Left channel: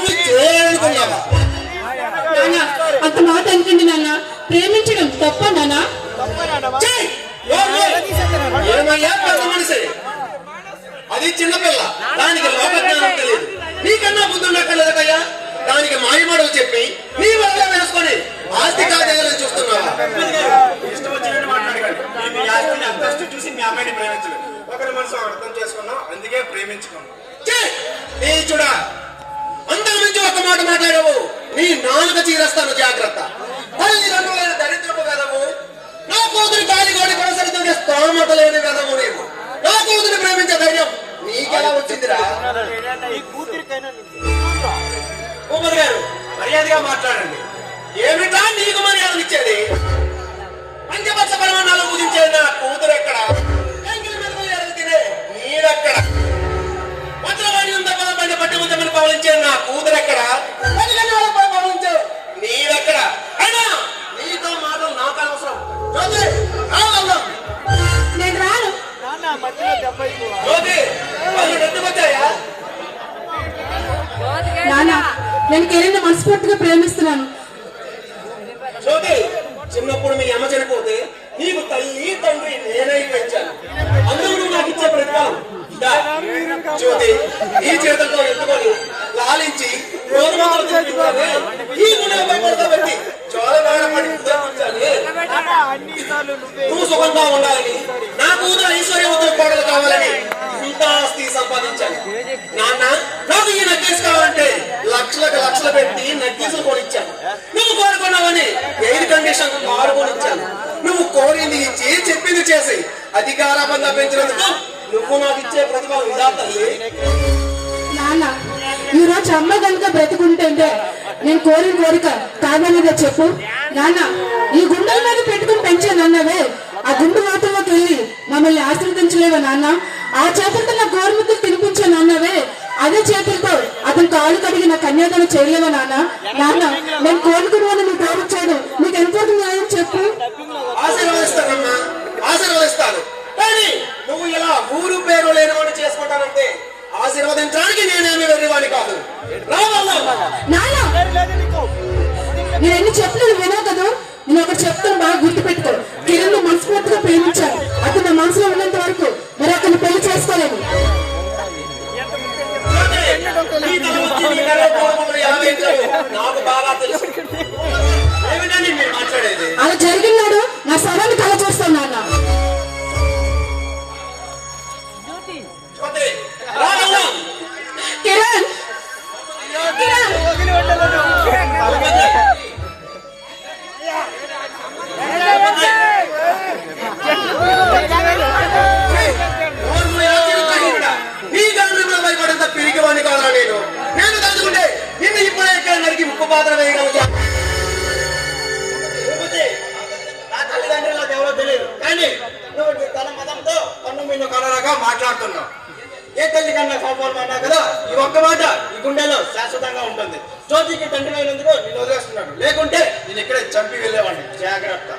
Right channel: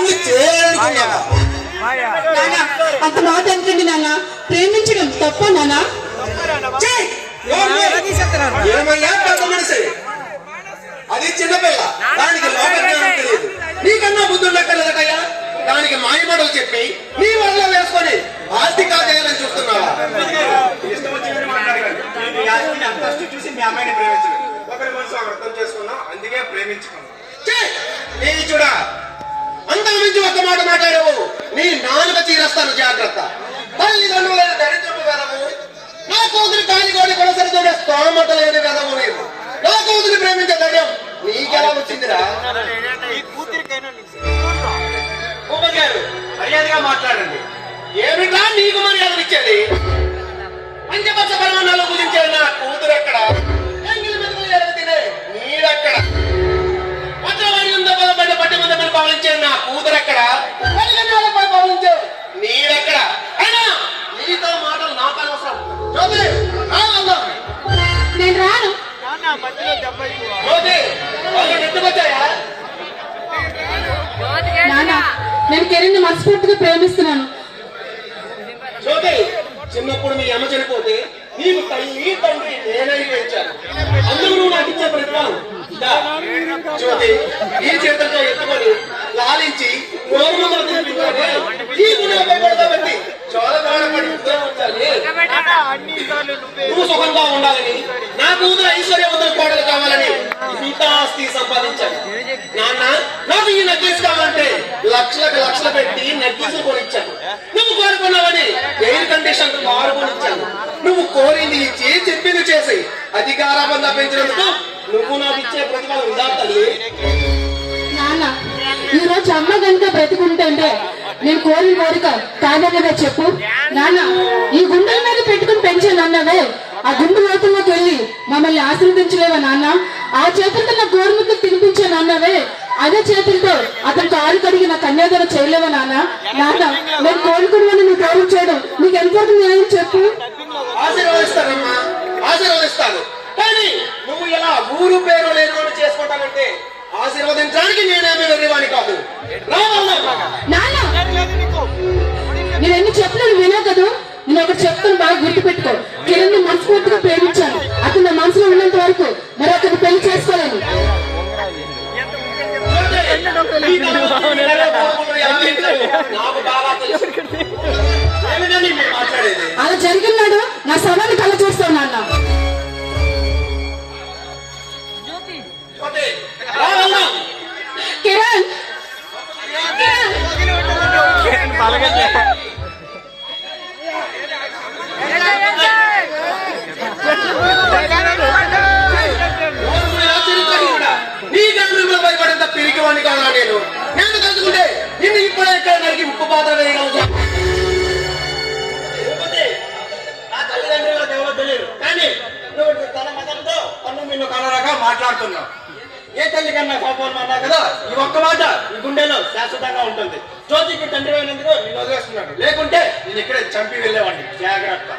దాన్ని చేయాలనుకున్నావా? నాన్న అంత మాట అనుకోండి నాన్న. ప్రేమించడం తప్ప నాన్న? ఏమయ్యా పెద్ద మనిషి, అది చిన్నపిల్ల, దానికి లోక జ్ఞానం తెలియదు. నీకన్నా బుద్ధి ఉండక్కర్లేదయ్యా. దానికి మాయమాటలు చెప్పి నీ వల్ల వేసుకొని ఆస్తి కాజేయాలని చూస్తున్నావా? ఇష్టం వచ్చినట్టు మాట్లాడగలరు. మీ ఆస్తిని అంతస్తు చూసి మీ అమ్మాయిని ప్రేమించలేదు. ఒకరి మనసు అర్థం చేసుకున్నాం, అందుకే ప్రేమించుకున్నాం. నీ చూడా అంతా మించి ఒక మాట మాట్లాడవు, నీ నాలుక చీరస్తాను జాగ్రత్త. తల్లిదండ్రులైన దరిద్రపు కదము, నా కూతురు కాలిగోడి కొనసరుతుండే స్తోమత లేని కదము. నేను నా కూతురు ప్రేమించే ధైర్యం నీకెలా వచ్చిందిరా? ఉమర్ గారు మర్యాదగా మాట్లాడండి. ఏమిటా నీకు మర్యాదలు ఇచ్చేది? పంచపచ్చ పరిమాణాలు కుదించే నా కూతురు ఎక్కడ? ఎంగిలి మెరుగు తినే నీడెక్కడ? వజ్రమణి ఉంద పదపడ్డ పట్టి ముద్దలు పవలించే నా కూతురు ఎక్కడ? పవలించే నీడెక్కడ? అయినా నీతో మాటలు నాకు అనవసరం. నేను రాను. నాన్న నేను కిరణ్ మనస్ఫూర్తిగా ప్రేమిస్తున్నాను. జ్యోతి, చిన్నప్పుడు మీ అమ్మ చనిపోతే నీకు తల్లి తండ్రి నేనై పెంచాను. అందరూ నువ్వు నాకు ఇచ్చే ప్రతిఫలం జ్యోతి. ఈ చేతులతో ఎత్తుకొని లాలించి గోరుమలు తినిపించాలి. ఈ గుణపడి చోళపడి ఉంచాలి. నువ్వు సుఖంగా ఉండాలని, నా కూతురు ఐశ్వర్యవంతుల కోడలు కావాలని ఇంత ఆస్తి సంపాదించాను. నాన్న నాకు ఈ నగ్గేసి కావాలంటే లక్షలు పెట్టి నగ్గేసులు కొనిచ్చాను. నువ్వు కోరుకున్నావని ఎయిర్ కండిషన్ కారు కొనిచ్చాను. నువ్వు కోరింది ఇచ్చి చెప్పింది చేసి అధికారాబంధం పెంచినందుకు నువ్వు నాకు ఇచ్చే ప్రతిఫలం ఉందా తల్లి? నాన్న ఈ రోజు అమ్మ కనుక బ్రతుకుంటే నేను కోరిన కోరిక కాదన్నదే చెప్పు. నాన్న ఈ గుండెల మీద పెట్టుకుని పెంచాను అన్నవే, ఆ గుండు లోతుల్లోకి వెళ్ళి మమ్మల్ని ఆశీర్వదించలేవా నాన్న? ఆ చేతులతో నా గోరుముద్దలు తినిపించాను అన్నవే, అదే చేతులతో అతను కారు కడిగి నా కన్యాదానం చేయలేవా నాన్న? నాన్న నేను కోరుకున్నాను నువ్వు ప్రేమించాడు, నీకు ఎంత న్యాయం చెప్పు. ఆశీర్వదిస్తానమ్మా, ఆశీర్వదిస్తాను. కానీ నువ్వు ఇలా ఊరు పేరు లేని వాడిని చేసుకోవటానంటే ఆశీర్వదించడానికి నేనేమి వెళ్ళేవాడిని కాదు. నాన్న నేను ఎన్ని చెప్పినా నువ్వు వినా కదా. నేను ఒకటి చెప్తాను, బాగా గుర్తుపెట్టుకో. కిరణ్ మనస్ఫూర్తిగా ప్రేమించాను. అతను నా మనసులో ఉన్నంత వరకు మరి అతన్ని పెళ్లి చేసుకోలేను. అలా జరిగినాడు నా శవాన్ని కళ చేస్తాను నాన్న. కిరణ్ నీ గంటలు భయపడంత పిరికి వాడిని కావాలా? నేను తలుచుకుంటే నిన్ను ఇప్పుడే ఎక్కడ నరికి ఉప్పు పాత్ర వేయగలుగుతా. ఆ తల్లిదండ్రులకు ఎవరో తెలియదు, కానీ నువ్వు తన మతంతో కన్ను మిన్ను కలరాగా మాట్లాడుతున్నావు. ఏ తల్లి కన్నా కాపాడుతున్నా కదా, ఈ ఒక్క మాట ఈ గుండెలో శాశ్వతంగా ఉంటుంది. జ్యోతికి తండ్రి అయినందుకు నేను వదిలేస్తున్నాడు, లేకుంటే నేను ఇక్కడే చంపి వెళ్ళేవాడిని. జాగ్రత్త.